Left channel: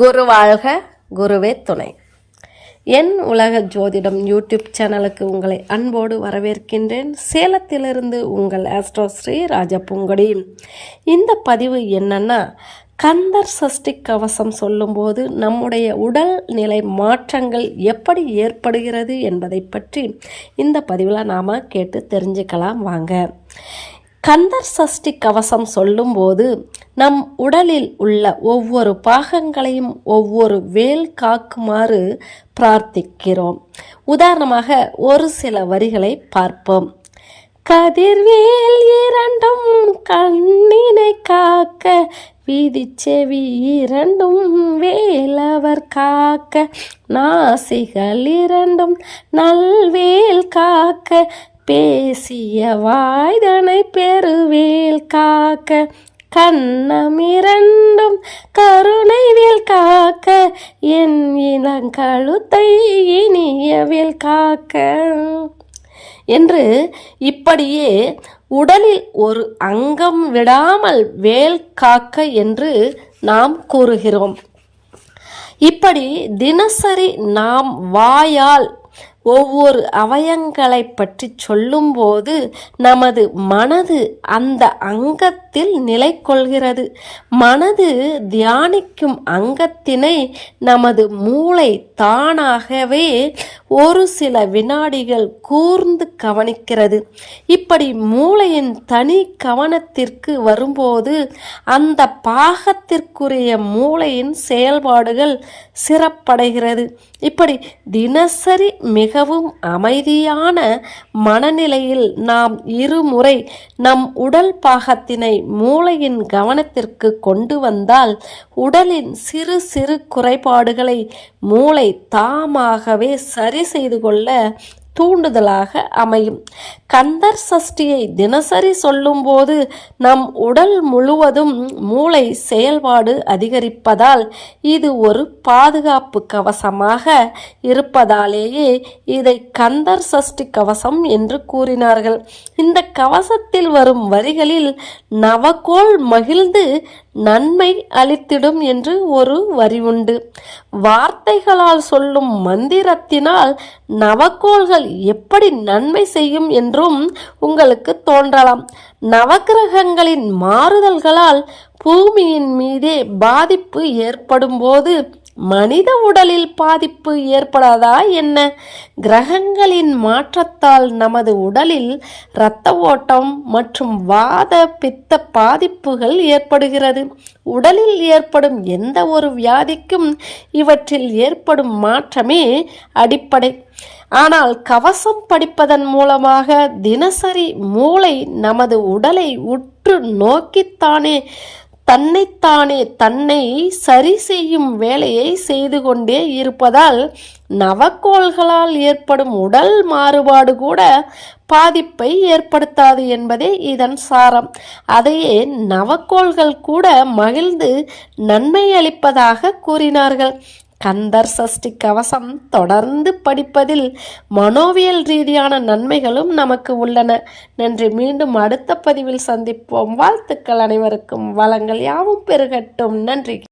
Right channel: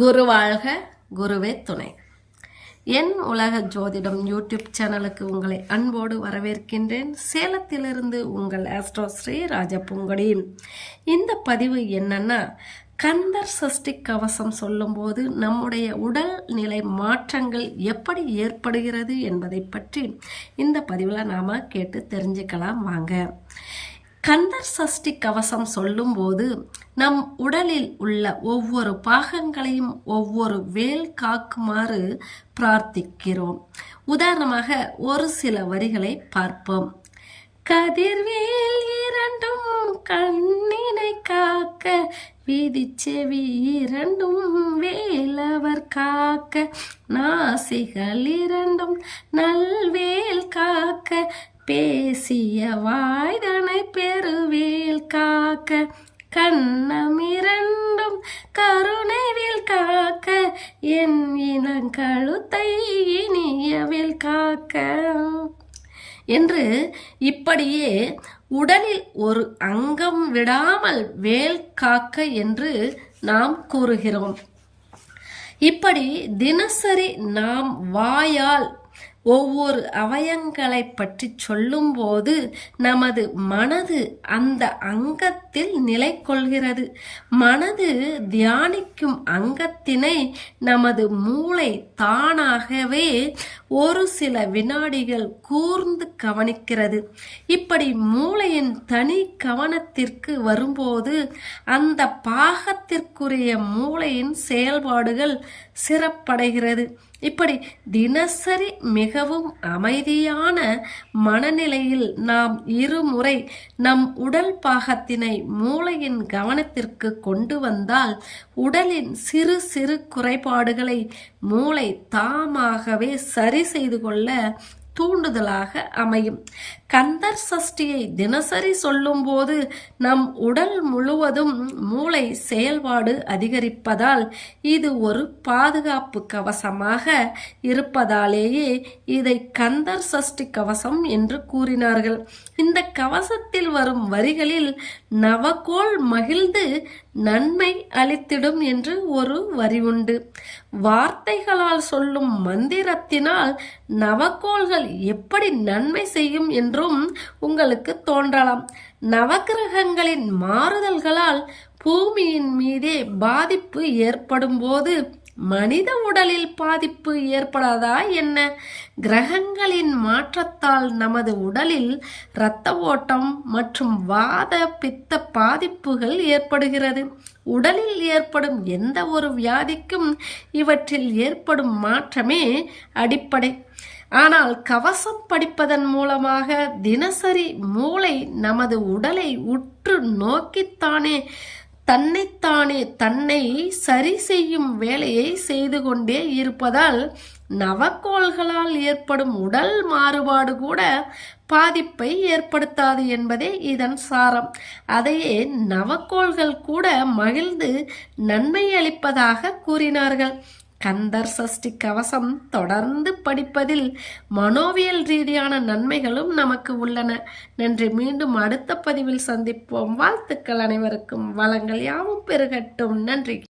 குரு வாழ்க குருவே துணை. என் உலக ஜோதிடம் யூடியூப் சேனலுக்கு உங்களை அன்போடு வரவேற்கின்றேன். சேலத்திலிருந்து உங்கள் ஆஸ்ட்ரோ ஸ்ரீ ராஜபூங்கடி இந்த பதிவு என்னன்னா கந்தர் சஷ்டி கவசம் சொல்லும்போது நம்முடைய உடல் நிலை மாற்றங்கள் எப்படி ஏற்படுகிறது என்பதை பற்றி இந்த பதிவில் நாம் கேட்டு தெரிஞ்சுக்கலாம் வாங்க. கந்தர் சஷ்டி கவசம் சொல்லும்போது நம் உடலில் உள்ள ஒவ்வொரு பாகங்களையும் ஒவ்வொரு வேல் காக்குமாறு பிரார்த்திக்கிறோம். உதாரணமாக ஒரு சில வரிகளை பார்ப்போம். கதிர்வேல் இரண்டும் கண்ணினை காக்க வீதி செவி இரண்டும் வேலவர் காக்க நாசிகள் இரண்டும் நல்வேல் காக்க பேசிய வாய்தனை பெருவேல் காக்க கண்ணமிரண்டும் கருணைவில் காக்க என் இளங்கழுத்தை இனியவில் காக்க. என்று இப்படியே உடலில் ஒரு அங்கம் விடாமல் வேல் காக்க என்று நாம் கூறுகிறோம். இப்படி தினசரி நாம் வாயால் ஒவ்வொரு அவயங்களை பற்றி சொல்லும்போது நமது மனது அந்த அங்கத்தில் நிலை கொள்கிறது மனது தியானிக்கும் அங்கத்தினை நமது மூளை தானாகவே ஒரு சில வினாடிகள் கூர்ந்து கவனிக்கிறது. இப்படி மூளையின் தனி கவனத்திற்கு வரும்போது அந்த பாகத்திற்குரிய மூளையின் செயல்பாடுகள் சிறப்படைகிறது. இப்படி தினசரி மிகவும் அமைதியான மனநிலையில் நாம் இருமுறை நம் உடல் பாகத்தினை மூளையின் கவனத்திற்கு கொண்டு வந்தால் உடலின் சிறு சிறு குறைபாடுகளை மூளை தாமாகவே சரி செய்து கொள்ள தூண்டுதலாக அமையும். கந்தர் சஷ்டியை தினசரி சொல்லும்போது நம் உடல் முழுவதும் மூளை செயல்பாடு அதிகரிப்பதால் இது ஒரு பாதுகாப்பு கவசமாக இருப்பதாலேயே இதை கந்தர் சஷ்டி கவசம் என்று கூறினார்கள். இந்த கவசத்தில் வரும் வரிகளில் நவகோள் மகிழ்ந்து நன்மை அளித்திடும் என்று ஒரு வரி உண்டு. வார்த்தைகளால் சொல்லும் மந்திரத்தினால் நவக்கோள்கள் எப்படி நன்மை செய்யும் என்றும் உங்களுக்கு தோன்றலாம். நவக்கிரகங்களின் மாறுதல்களால் பூமியின் மீதே பாதிப்பு ஏற்படும் போது மனித உடலில் பாதிப்பு ஏற்படாதா என்ன? கிரகங்களின் மாற்றத்தால் நமது உடலில் இரத்த ஓட்டம் மற்றும் வாத பித்த பாதிப்புகள் ஏற்படுகிறது. உடலில் ஏற்படும் எந்த ஒரு வியாதிக்கும் இவற்றில் ஏற்படும் மாற்றமே அடிப்படை. ஆனால் கவசம் படிப்பதன் மூலமாக தினசரி மூளை நமது உடலை உற்று நோக்கித்தானே தன்னைத்தானே தன்னை சரி செய்யும் வேலையை செய்து கொண்டே இருப்பதால் நவக்கோள்களால் ஏற்படும் உடல் மாறுபாடு கூட பாதிப்பை ஏற்படுத்தாது என்பதே இதன் சாரம். அதையே நவக்கோள்கள் கூட மகிழ்ந்து நன்மை அளிப்பதாக கூறினார்கள். கந்தர் சஷ்டி கவசம் தொடர்ந்து படிப்பதில் மனோவியல் ரீதியான நன்மைகளும் நமக்கு உள்ளன. நன்றி. மீண்டும் அடுத்த பதிவில் சந்திப்போம். வாழ்த்துக்கள் அனைவருக்கும். வளங்கள் யாவும் பெருகட்டும். நன்றி.